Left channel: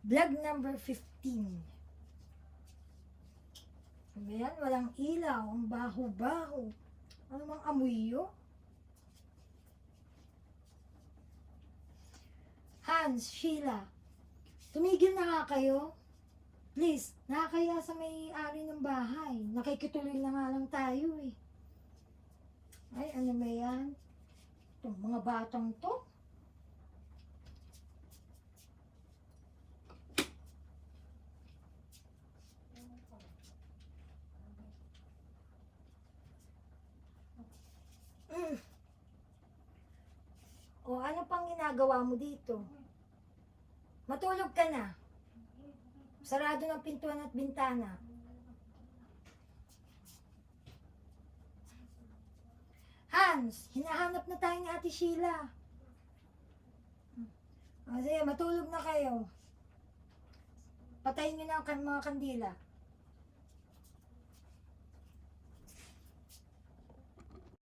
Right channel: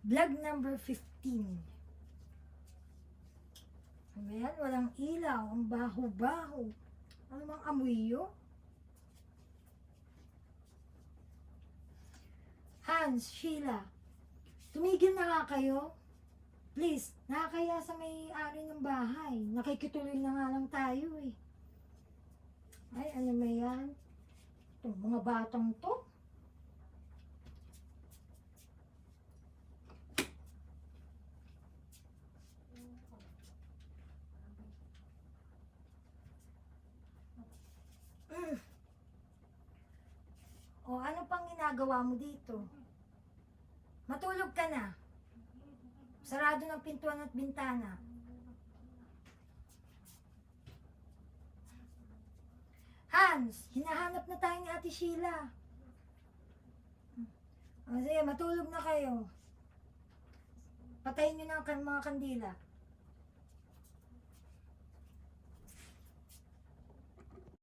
Vlog number 15. Ano yan? Walang ilaw. Ang baho-baho. Ano mang amoy yun? Hans, Sheila, tumigil na nga kayo. Please, nakakaya sa may-ari ng bahay. Nakikituloy na nga lang tayo eh. Ay, ano ba yan? Itong mga batang to. O ano pang ginagawa mo dito? Matulog ka na. Sarado ng pintuan at bintana. Hans, hinahanap na tayo ni Ate Sheila. O sige, matulog na kayo. Patayin niyo na ang mga kandila.